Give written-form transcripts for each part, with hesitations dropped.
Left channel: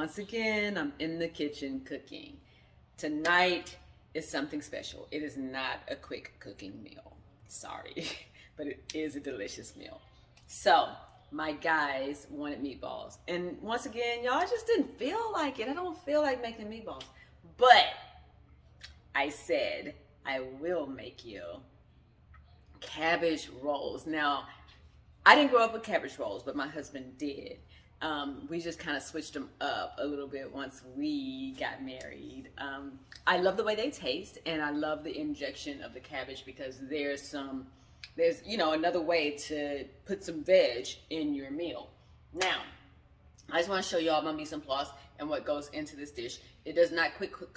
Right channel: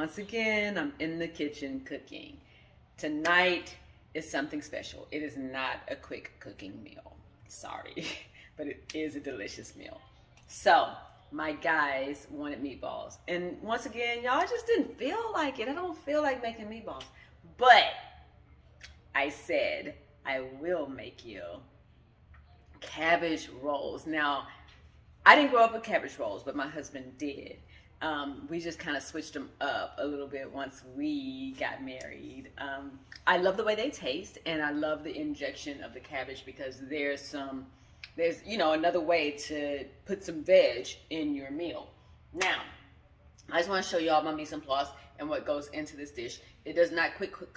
once again, I'm in the kitchen cooking. Tonight is something special. It is not a quick cooking meal. Sorry, but it is a delicious meal. So, my guys wanted meatballs. And once again, y'all, just didn't feel like it. I don't feel like making meatballs. But I said, I will make you cabbage rolls. Now, I didn't grow up with cabbage rolls, but my husband did. We just kind of switched them up a little bit once we got married. I love the way they taste, and I love the injection of the cabbage because there's another way to put some veg in your meal. Now, I just want to show y'all my mise en place and what goes into this dish. It does not cook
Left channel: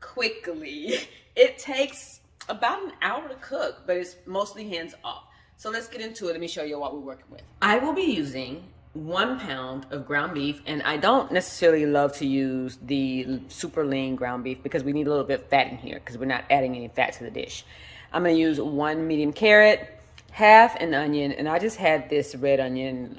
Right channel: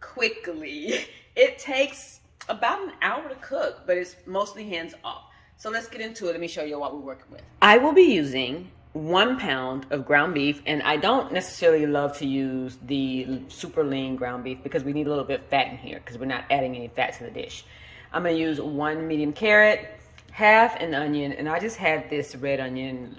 quickly. It takes about an hour to cook, but it's mostly hands off. So let's get into it. Let me show you what we're working with. I will be using 1 pound of ground beef, and I don't necessarily love to use the super lean ground beef because we need a little bit of fat in here because we're not adding any fat to the dish. I'm going to use 1 medium carrot, half an onion, and I just had this red onion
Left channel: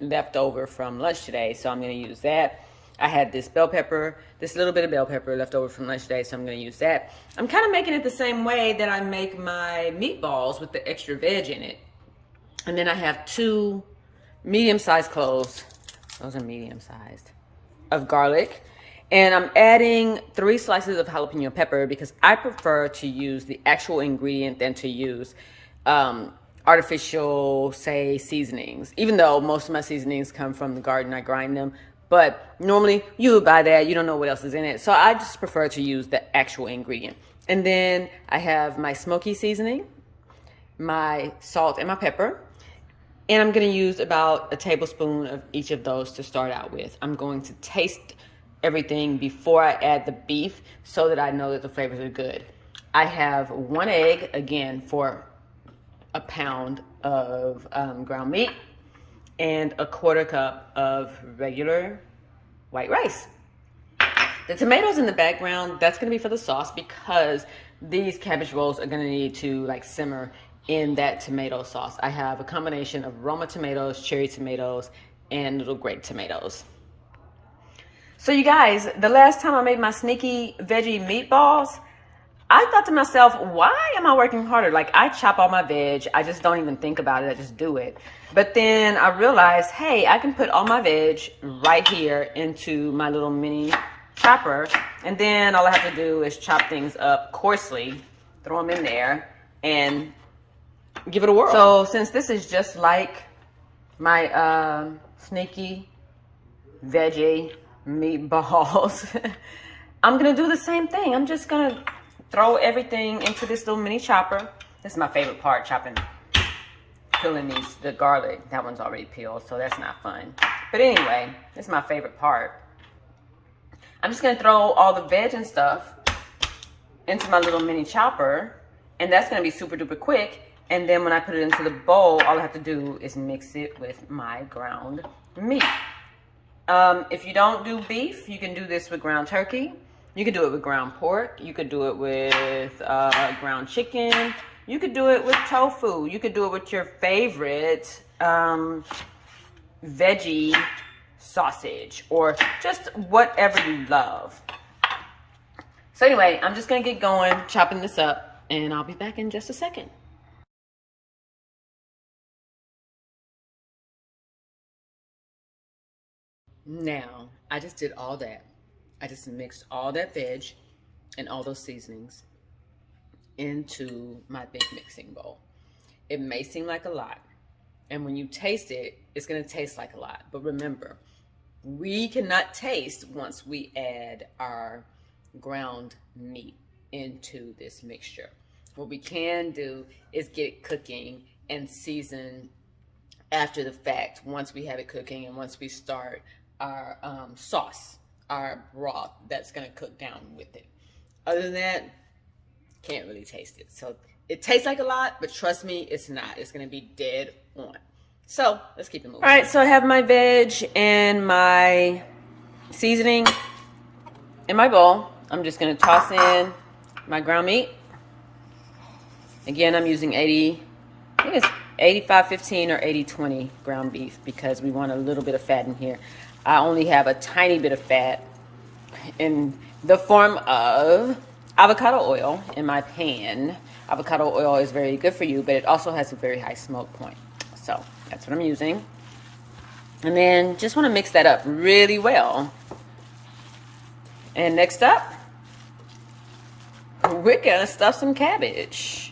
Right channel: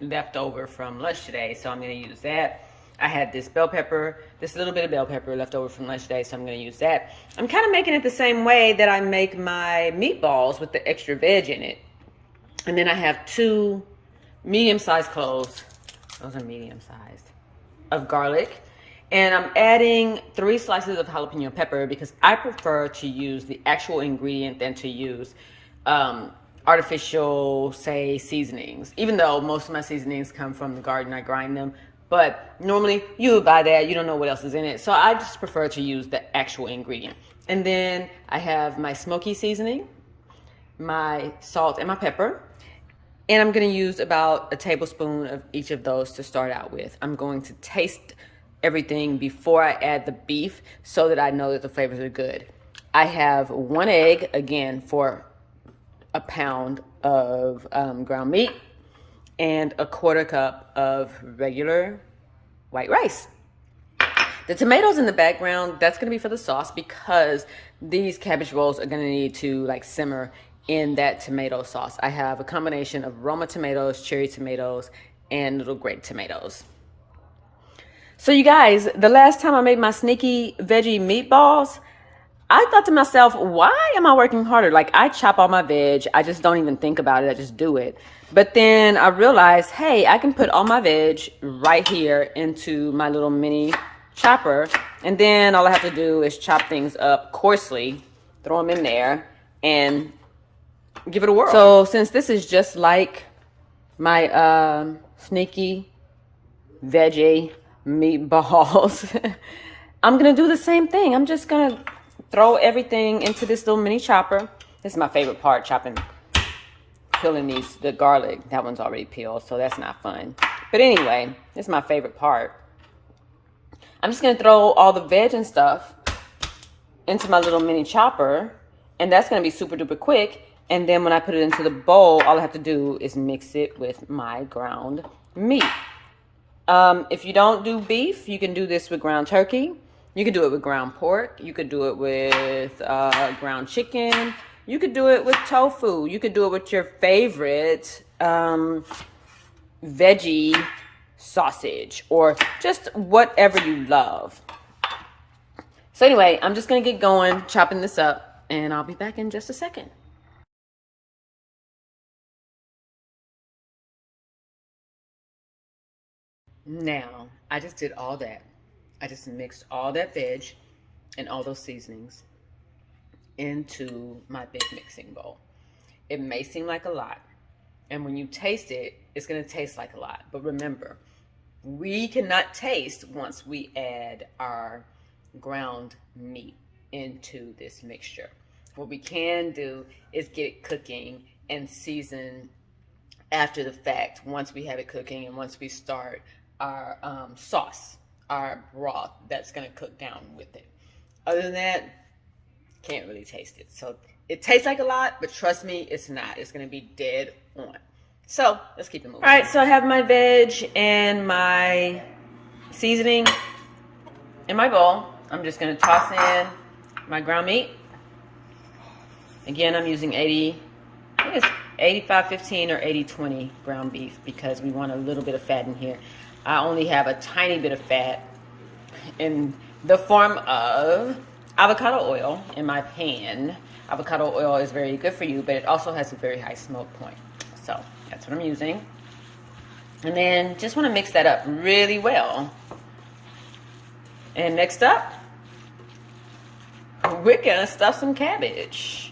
left over from lunch today, so I'm going to use that. I had this bell pepper, this little bit of bell pepper left over from lunch today, so I'm going to use that. I'm kind of making it the same way that I make my meatballs with the extra veg in it. And then I have 2 medium-sized cloves, those are medium-sized, of garlic. And I'm adding 3 slices of jalapeno pepper because I prefer to use the actual ingredient than to use artificial, say, seasonings. Even though most of my seasonings come from the garden, I grind them. But normally you would buy that, you don't know what else is in it. So I just prefer to use the actual ingredient. And then I have my smoky seasoning, my salt and my pepper. And I'm gonna use about a tablespoon of each of those to start out with. I'm going to taste everything before I add the beef so that I know that the flavors are good. I have 1 egg, again, for a pound of ground meat, and a 1/4 cup of regular white rice. The tomatoes in the background, that's going to be for the sauce because these cabbage rolls are going to need to simmer in that tomato sauce. I have a combination of Roma tomatoes, cherry tomatoes, and little grape tomatoes. So you guys, the last time I made my sneaky veggie meatballs, I thought to myself, why am I working harder? I chop all my veg. I just don't even think about it. I just do it. But then I realized, hey, I can put all my veg right here into my little mini chopper. And then all I have to do is chop things up coarsely, throw them in there, and give it a whirl. So since this is just like my sneaky veggie meatballs, I'm going to do the same thing. I'm just going to throw everything into this little mini chopper. This is my favorite part, peeling the garlic. That one's already peeled, so that's not fun. But anyway, this is my favorite part. I'm just gonna throw all the veg and stuff into my little mini chopper, and that's gonna be super duper quick. And then when I put it into the bowl, all I have to do is mix it with my ground meat. If you don't do beef, you can do this with ground turkey. You could do it with ground pork. You could do it with ground chicken. You could do it with tofu. You could do it with your favorite veggie sausage or just whatever you love. So anyway, I'm just going to get going, chopping this up, and I'll be back in just a second. Now, I just did all that. I just mixed all that veg and all those seasonings into my big mixing bowl. It may seem like a lot, and when you taste it, it's going to taste like a lot. But remember, we cannot taste once we add our ground meat into this mixture. What we can do is get it cooking and season after the fact once we have it cooking and once we start our sauce, our broth that's going to cook down with it. Other than that, can't really taste it. So it tastes like a lot, but trust me, it's not. It's going to be dead on. So let's keep it moving. All right, so I have my veg and my seasoning in my bowl. I'm just going to toss in my ground meat. Again, I'm using 85-15 or 80-20 ground beef because we want a little bit of fat in here. I only have a tiny bit of fat in the form of avocado oil in my pan. Avocado oil is very good for you, but it also has a very high smoke point. So that's what I'm using. And then just want to mix that up really well. And next up, we're gonna stuff some cabbage.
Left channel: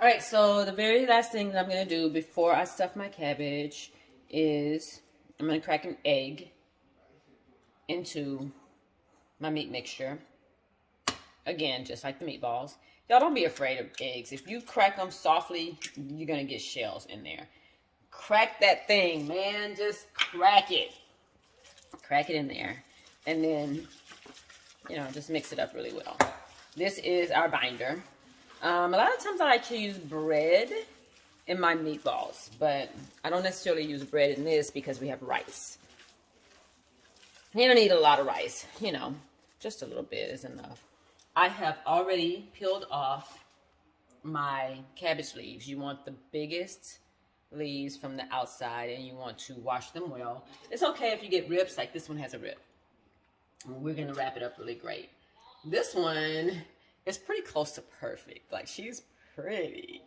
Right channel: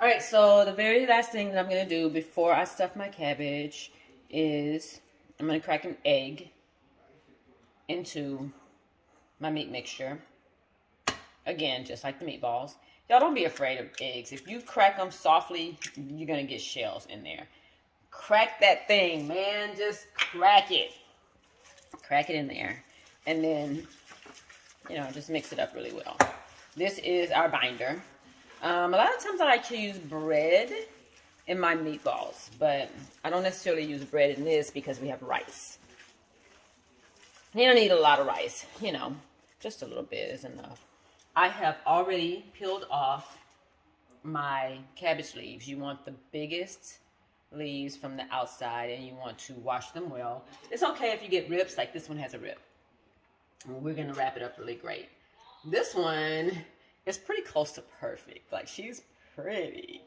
All right, so the very last thing that I'm gonna do before I stuff my cabbage is I'm gonna crack an egg into my meat mixture. Again, just like the meatballs. Y'all don't be afraid of eggs. If you crack them softly, you're gonna get shells in there. Crack that thing, man. Just crack it. Crack it in there. And then, just mix it up really well. This is our binder. A lot of times I like to use bread in my meatballs, but I don't necessarily use bread in this because we have rice. You don't need a lot of rice, just a little bit is enough. I have already peeled off my cabbage leaves. You want the biggest leaves from the outside and you want to wash them well. It's okay if you get rips, like this one has a rip. We're gonna wrap it up really great. This one is pretty close to perfect. Like, she's pretty.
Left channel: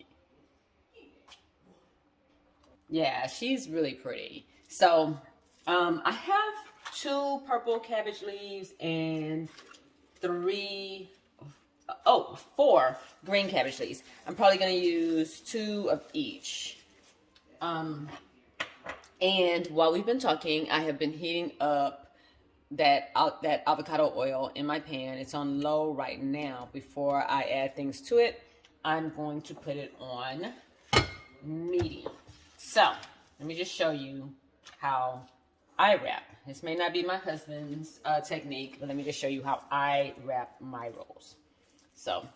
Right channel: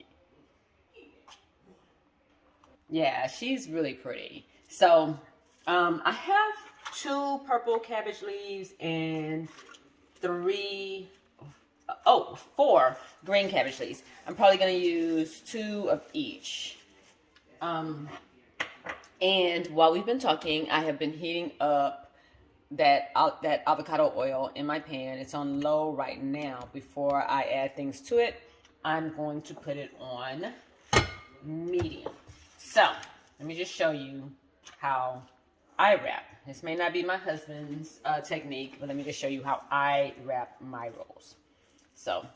Yeah, she's really pretty. So I have 2 purple cabbage leaves and 4 green cabbage leaves. I'm probably going to use 2 of each. And while we've been talking, I have been heating up that avocado oil in my pan. It's on low right now. Before I add things to it, I'm going to put it on medium. So let me just show you how I wrap. This may not be my husband's technique, but let me just show you how I wrap my rolls. So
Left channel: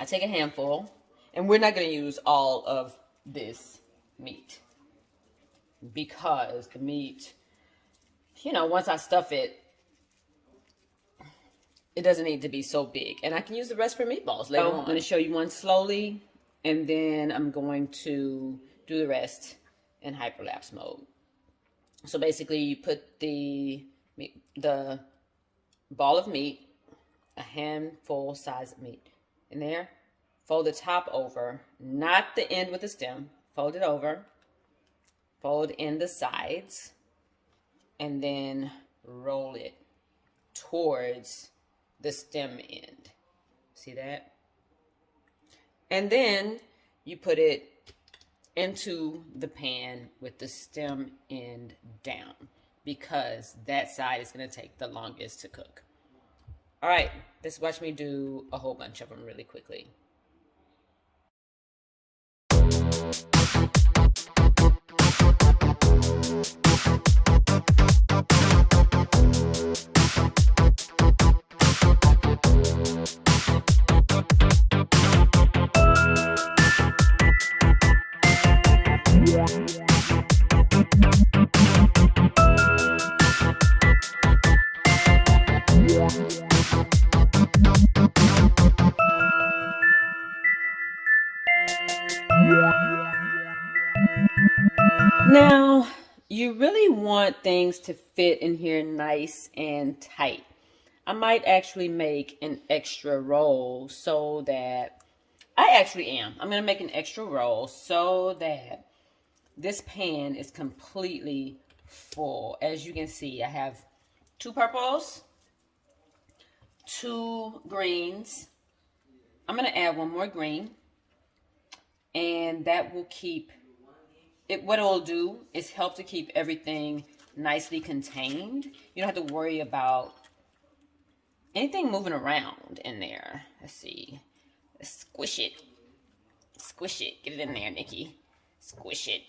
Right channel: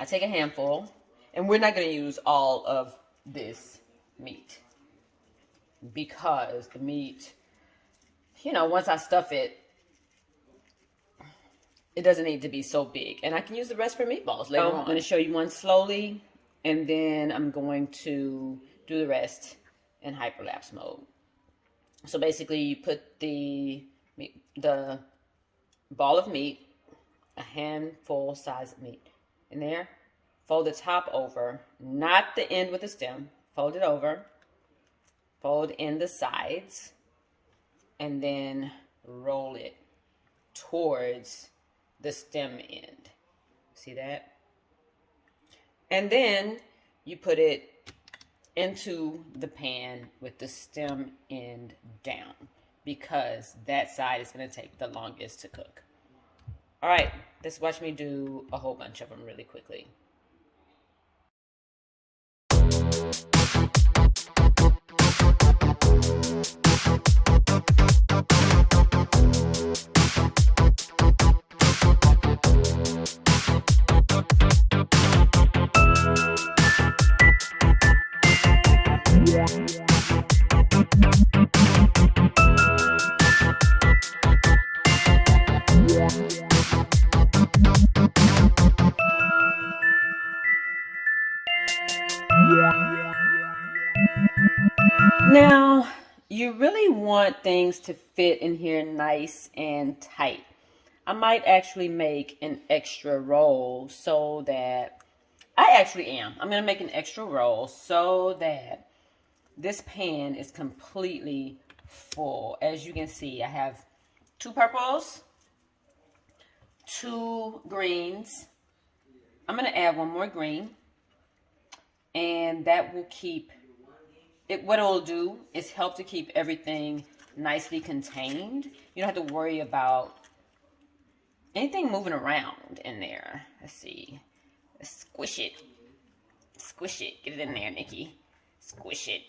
I take a handful, and we're not going to use all of this meat because the meat, once I stuff it, it doesn't need to be so big. And I can use the rest for meatballs later on. I'm going to show you one slowly, and then I'm going to do the rest in hyperlapse mode. So basically, you put the ball of meat, a handful size of meat in there. Fold the top over, not the end with the stem. Fold it over. Fold in the sides. And then roll it towards the stem end. See that? And then you put it into the pan with the stem end down because that side is going to take the longest to cook. All right, let's watch me do a whole bunch of them really quickly. Now, you really want things to fit in here nice and tight. I might actually make an extra roll so that, I'm going to make an extra roll so that this pan is completely full. As you can see, I have 2 purples, 2 greens. I'm going to add 1 more green, and that will keep it. What it'll do is help to keep everything nicely contained. You don't have to worry about anything moving around in there. Let's see. Let's squish it. Squish it. Get it in there, Nikki. Squish it.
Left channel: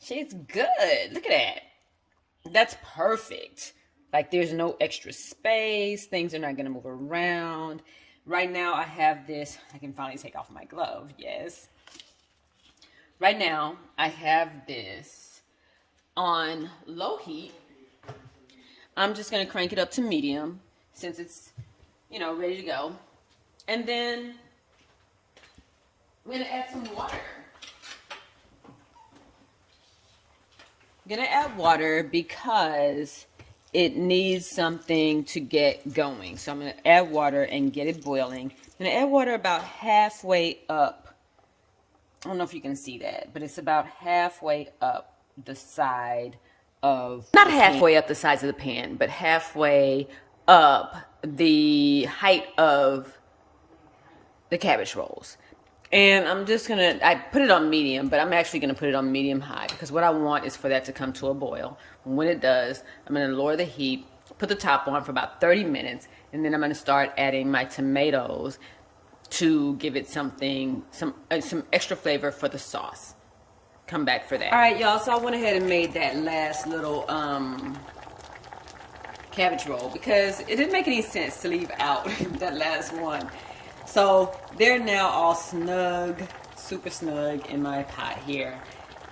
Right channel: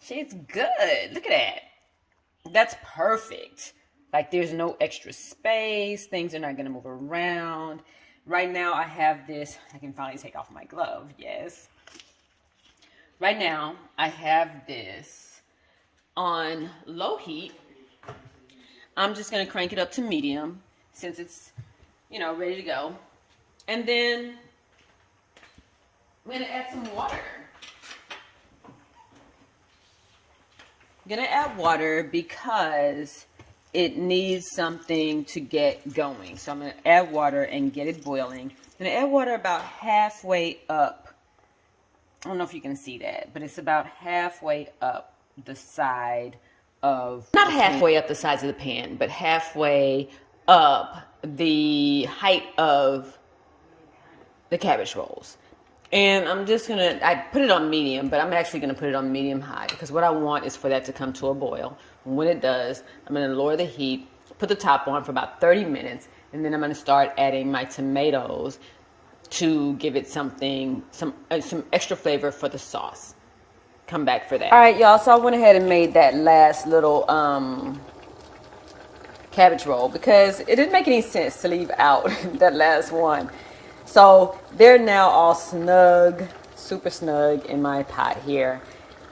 She's good. Look at that. That's perfect. Like, there's no extra space. Things are not going to move around. Right now, I have this. I can finally take off my glove. Yes. Right now, I have this on low heat. I'm just going to crank it up to medium since it's, ready to go. And then I'm going to add some water. I'm gonna add water because it needs something to get going. So I'm gonna add water and get it boiling. I'm gonna add water about halfway up. I don't know if you can see that, but it's about halfway up the side of, not halfway up the sides of the pan, but halfway up the height of the cabbage rolls. And I'm just gonna, I put it on medium, but I'm actually gonna put it on medium high because what I want is for that to come to a boil. And when it does, I'm gonna lower the heat, put the top on for about 30 minutes, and then I'm gonna start adding my tomatoes to give it something, some extra flavor for the sauce. Come back for that. All right, y'all, so I went ahead and made that last little cabbage roll because it didn't make any sense to leave out that last one. So they're now all snug, super snug in my pot here.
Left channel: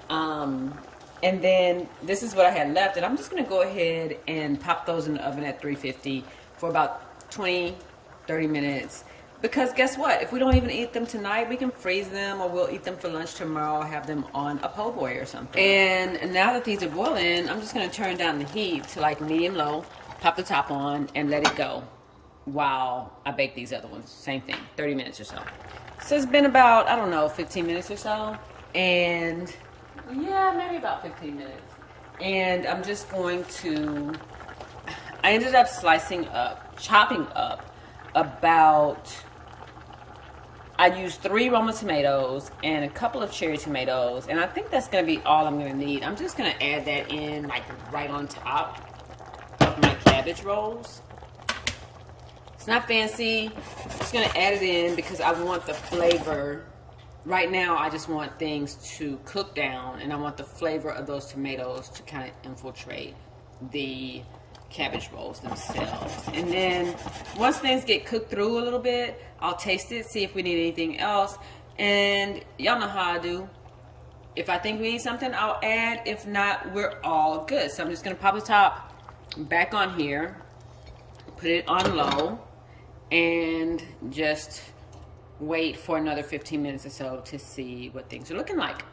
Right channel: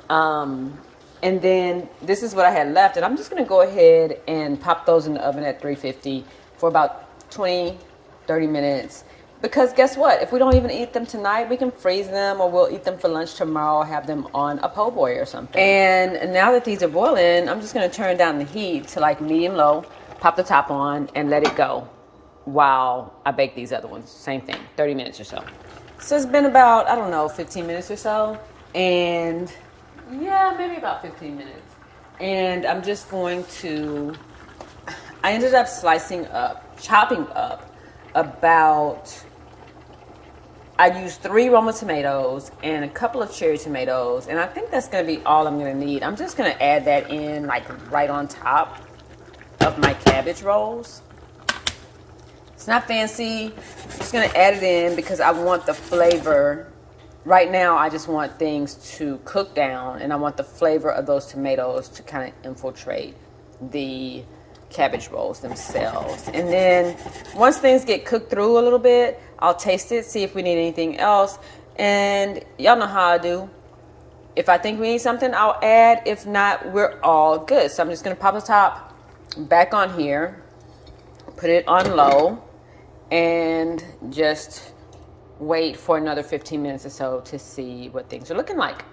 And then this is what I had left. And I'm just going to go ahead and pop those in the oven at 350 for about 20, 30 minutes. Because guess what? If we don't even eat them tonight, we can freeze them or we'll eat them for lunch tomorrow, have them on a po' boy or something. And now that these are boiling, I'm just going to turn down the heat to like medium low, pop the top on, and let it go while I bake these other ones. Same thing, 30 minutes or so. So it's been about, I don't know, 15 minutes or so. And yeah, maybe about 15 minutes. And I'm just going to, I ended up chopping up about, I used 3 Roma tomatoes and a couple of cherry tomatoes. And I think that's going to be all I'm going to need. I'm just going to add that in like right on top of my cabbage rolls. It's not fancy. I'm just gonna add it in because I want the flavor. Right now, I just want things to cook down and I want the flavor of those tomatoes to kind of infiltrate the cabbage rolls themselves. And then once things get cooked through a little bit, I'll taste it, see if we need anything else. And y'all know how I do. If I think we need something, I'll add. If not, we're all good. So I'm just gonna pop the top back on here, put it on low, and just wait for another 15 minutes or so to see what things are looking like.